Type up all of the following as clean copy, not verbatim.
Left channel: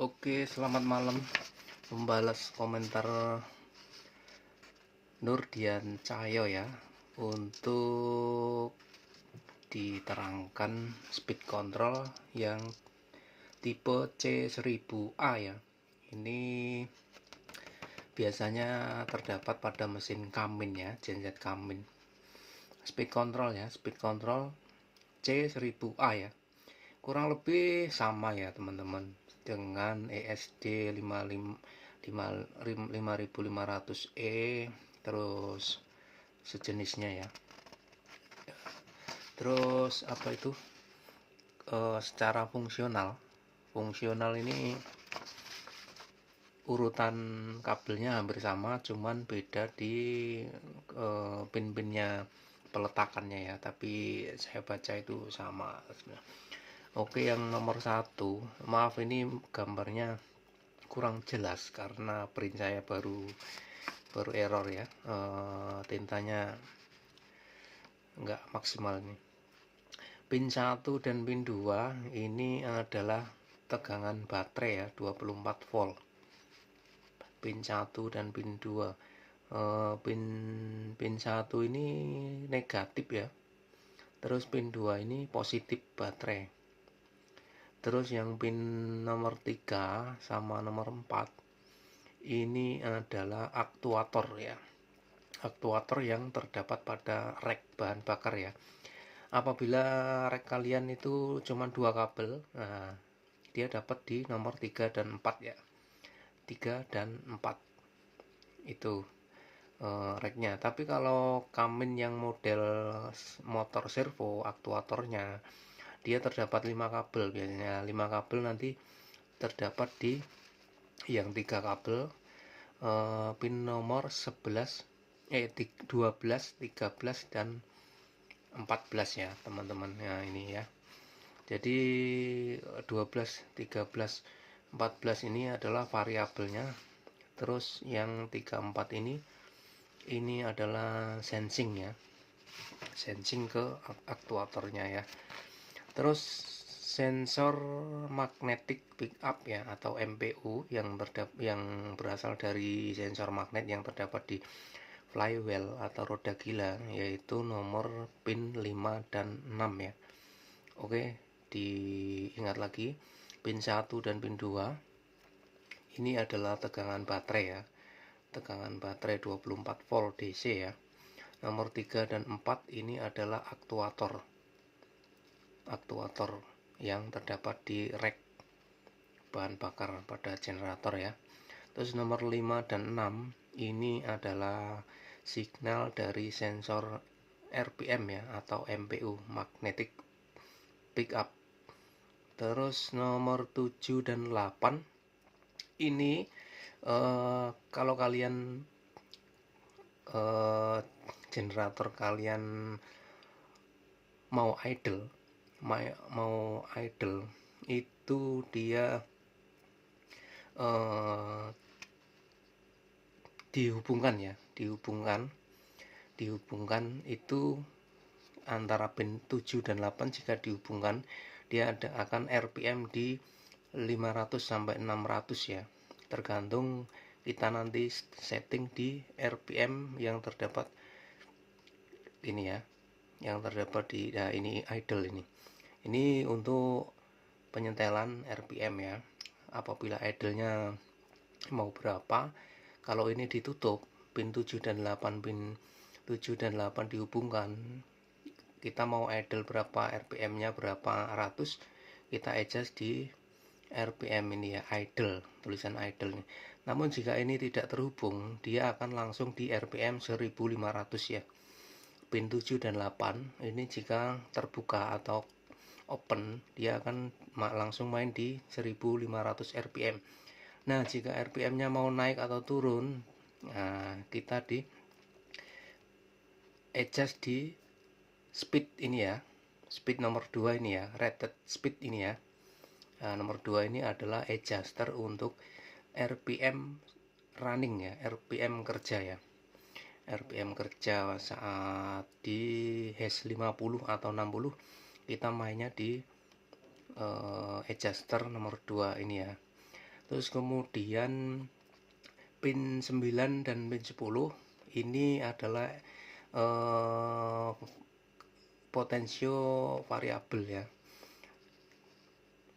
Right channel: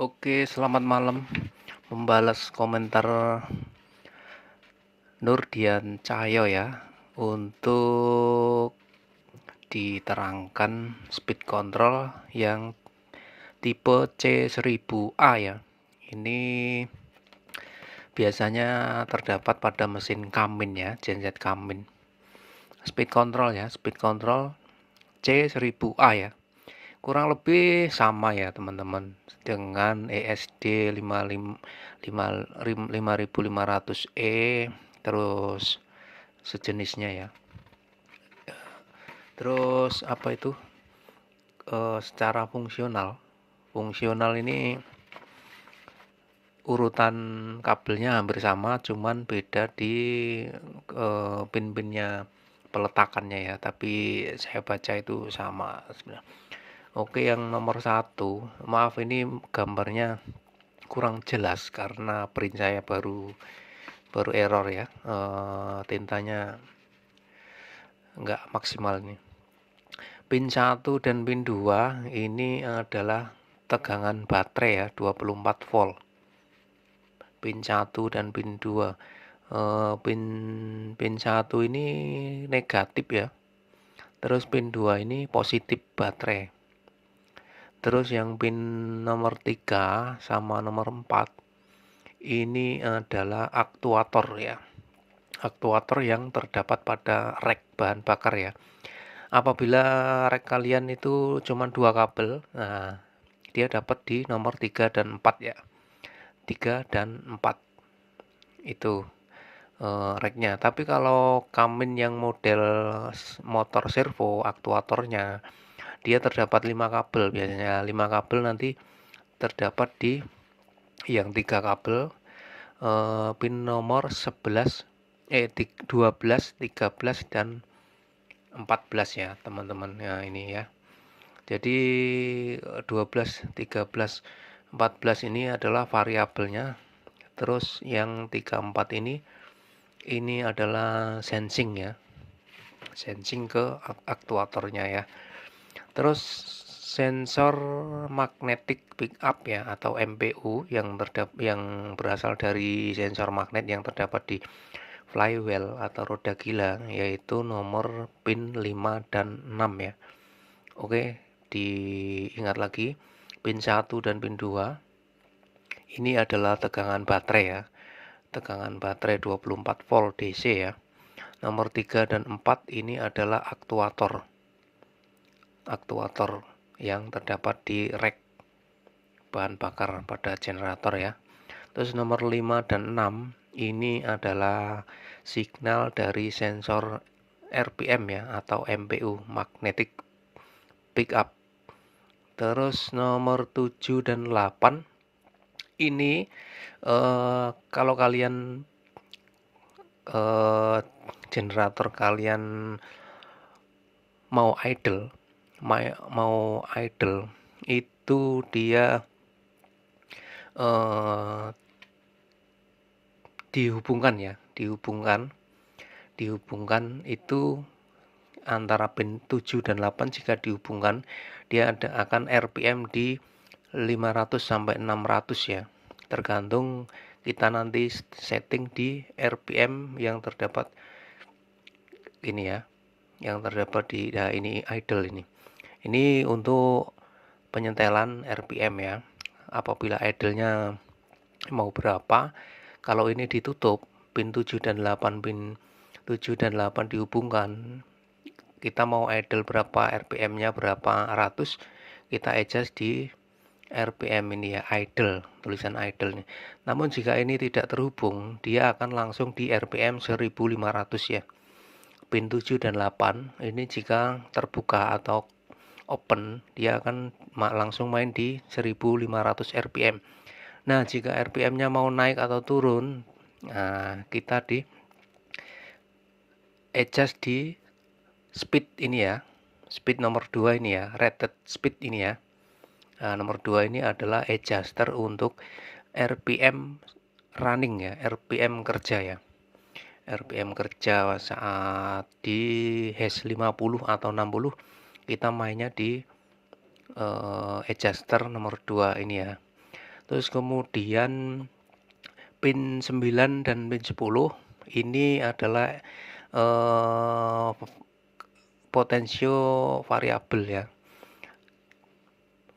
Oke, selamat malam. Membalas komentar Nurdian Cahyo ya, untuk diterangkan speed control yang tipe C1000A ya. Ini biasanya terdapat pada mesin Kamin ya, genset Kamin. Speed control ya, speed control C1000A ya. Kurang lebih sama ya teman-teman dengan ESD 5500E terus sejenisnya ya. Terus apa itu, secara fungsional ini urutan kabelnya hampir sama, cuman beda di pin-pinnya, peletakannya ya, tapi saya baca itu sama sebenarnya. Oke, yang nomor satu, maaf ini gambarnya kurang jelas karena print saya baru error ya, tintanya nggak maksimal nih. Pin 1 dan pin 2 ini adalah tegangan baterai ya, 24 volt. Pin 1 dan pin 2, pin 1 ini negatif ya, terus pin 2 ini positif baterai. Terus yang pin nomor 3 sama nomor 4 ini adalah aktuator ya, aktuator yang terdapat pada rek bahan bakar ya. Apabila rek kalian itu cuma 2 kabel, nah dia dapat di nomor 3 dan 4 ya. 3 dan 4 itu reknya. Tapi kalau Kamin yang model motor servo, aktuatornya dia terdapat 5 kabel, biasanya 5 kabel nanti terdapat di yang 3 kabel, pin nomor 11, 12, 13 dan 14 ya teman-teman ya, ini ya. Jadi 12, 13, 14 ini adalah variabelnya. Terus yang 34 ini adalah sensing ya, sensing ke aktuatornya ya. Terus sensor magnetic pickup ya, atau MPU yang berasal dari sensor magnet yang terdapat di flywheel atau roda gila, yaitu nomor pin 5 dan 6 ya. Oke, diingat lagi, pin 1 dan pin 2 ini adalah tegangan baterai ya. Tegangan baterai 24 volt DC ya. Nomor 3 dan 4 ini adalah aktuator. Aktuator yang terdapat di rek bahan bakar pada generator ya. Terus nomor 5 dan 6 ini adalah signal dari sensor RPM ya, atau MPU, magnetic pickup. Terus nomor 7 dan 8 ini kalau kalian generator kalian mau idle itu dia dihubungkan itu antara pin 7 dan 8. Jika dihubungkan dia akan RPM di 500 sampai 600 ya, tergantung kita nanti setting di RPM yang terdapat ini ya, yang terdapat di ini idle ini untuk penyetelan RPM ya. Apabila idle-nya mau berapa, kalau ini ditutup pin 7 dan 8, pin 7 dan 8 dihubungkan, kita mau idle berapa, RPM-nya berapa ratus, kita adjust di RPM ini ya, idle, tulisan idle nih. Namun jika ini tidak terhubung, dia akan langsung di RPM 1500 ya. Pin 7 dan 8 ini jika terbuka atau open, dia akan langsung main di 1500 RPM. Nah, jika RPM-nya mau naik atau turun, nah kita di adjust di speed ini ya. Speed nomor 2 ini ya, rated speed ini ya. Nah, nomor 2 ini adalah adjuster untuk RPM running ya, RPM kerja ya. RPM kerja saat di hash 50 atau 60, kita mainnya di adjuster nomor 2 ini ya. Terus kemudian pin 9 dan pin 10 ini adalah potensio variabel ya.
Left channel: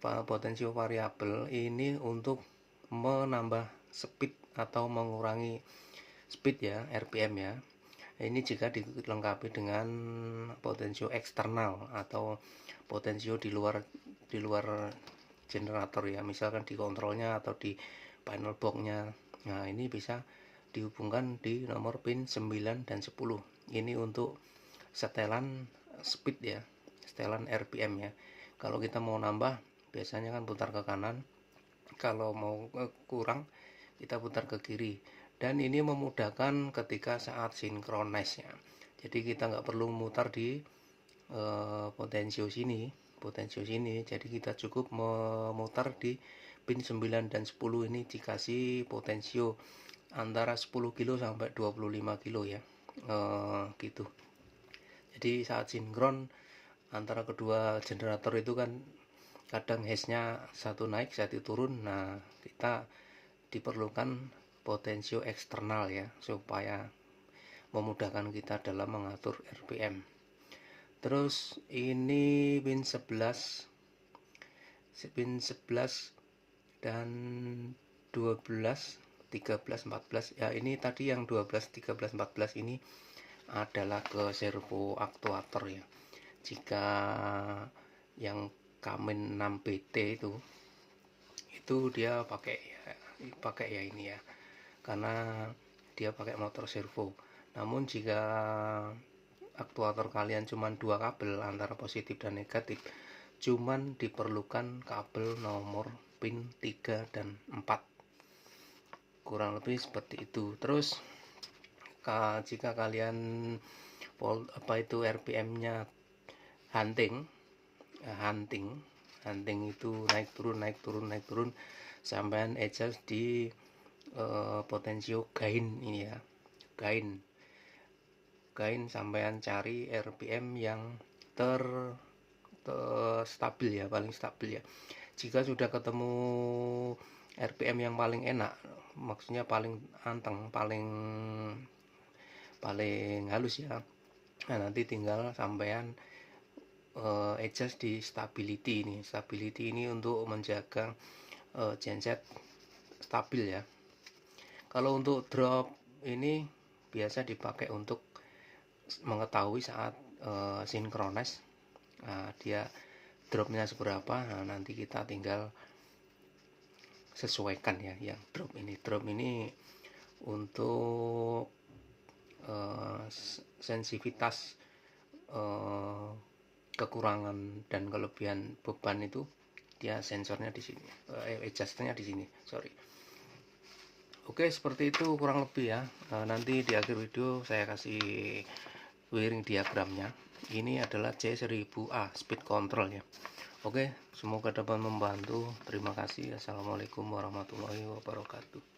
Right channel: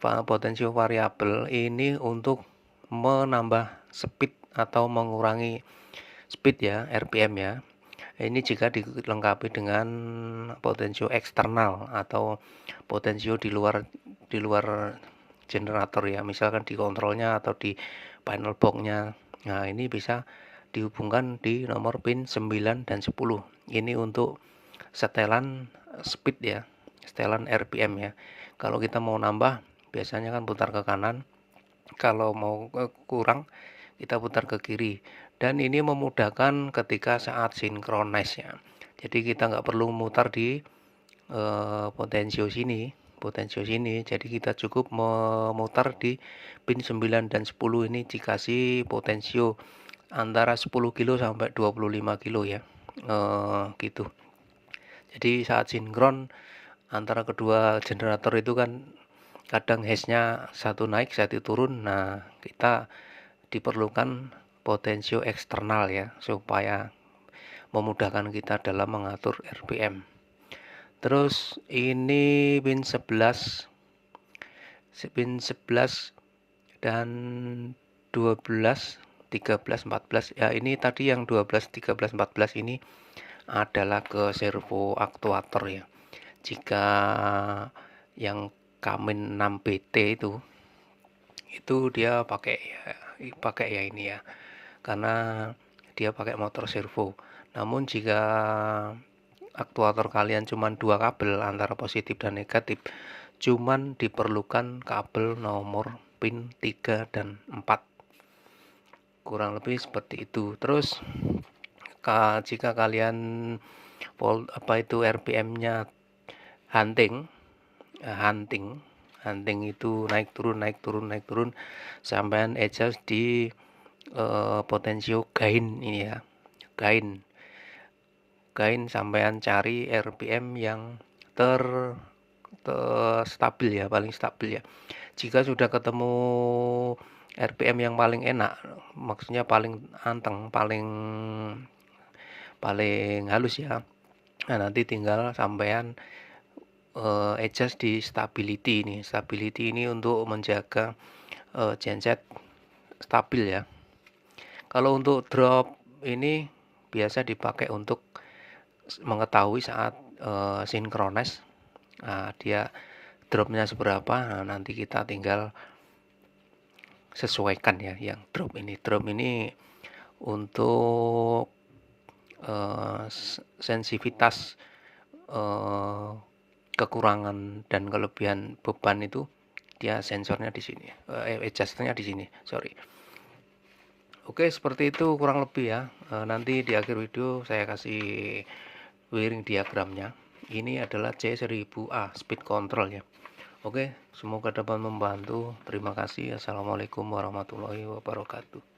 Potensio variabel ini untuk menambah speed atau mengurangi speed ya, RPM ya. Ini jika dilengkapi dengan potensio eksternal atau potensio di luar generator ya, misalkan di kontrolnya atau di panel boxnya. Nah, ini bisa dihubungkan di nomor pin 9 dan 10. Ini untuk setelan speed ya, setelan RPM ya. Kalau kita mau nambah, biasanya kan putar ke kanan. Kalau mau kurang, kita putar ke kiri. Dan ini memudahkan ketika saat sinkronis ya. Jadi kita nggak perlu mutar di potensio sini. Jadi kita cukup memutar di pin 9 dan 10 ini dikasih potensio antara 10 kilo sampai 25 kilo ya. Gitu. Jadi saat sinkron antara kedua generator itu kan kadang hash-nya satu naik satu turun. Nah, kita diperlukan potensio eksternal ya, supaya memudahkan kita dalam mengatur RPM. Terus ini pin 11 dan 12, 13, 14 ya. Ini tadi yang 12, 13, 14 ini adalah ke servo aktuator ya. Jika yang Kamin 6BT itu dia pakai ya ini ya, karena dia pakai motor servo. Namun jika aktuator kalian cuma 2 kabel antara positif dan negatif, cuman diperlukan kabel nomor pin 3 dan 4, kurang lebih seperti itu. Terus jika kalian RPM-nya hunting itu naik turun sampai adjust di potensio gain ini ya, gain sampean cari RPM yang stabil ya, paling stabil ya. Jika sudah ketemu RPM yang paling enak, maksudnya paling anteng, paling halus ya, nah nanti tinggal sampean adjust di stability ini untuk menjaga genset stabil ya. Kalau untuk drop ini biasa dipakai untuk mengetahui saat sinkronis, dia dropnya seberapa. Nah, nanti kita tinggal sesuaikan ya yang drop ini untuk sensitivitas kekurangan dan kelebihan beban itu dia sensornya di sini, adjusternya di sini, sorry. Oke, seperti itu kurang lebih ya. Nanti di akhir video saya kasih wiring diagramnya. Ini adalah C1000A speed control ya. Oke, semoga dapat membantu. Terima kasih. Assalamualaikum warahmatullahi wabarakatuh.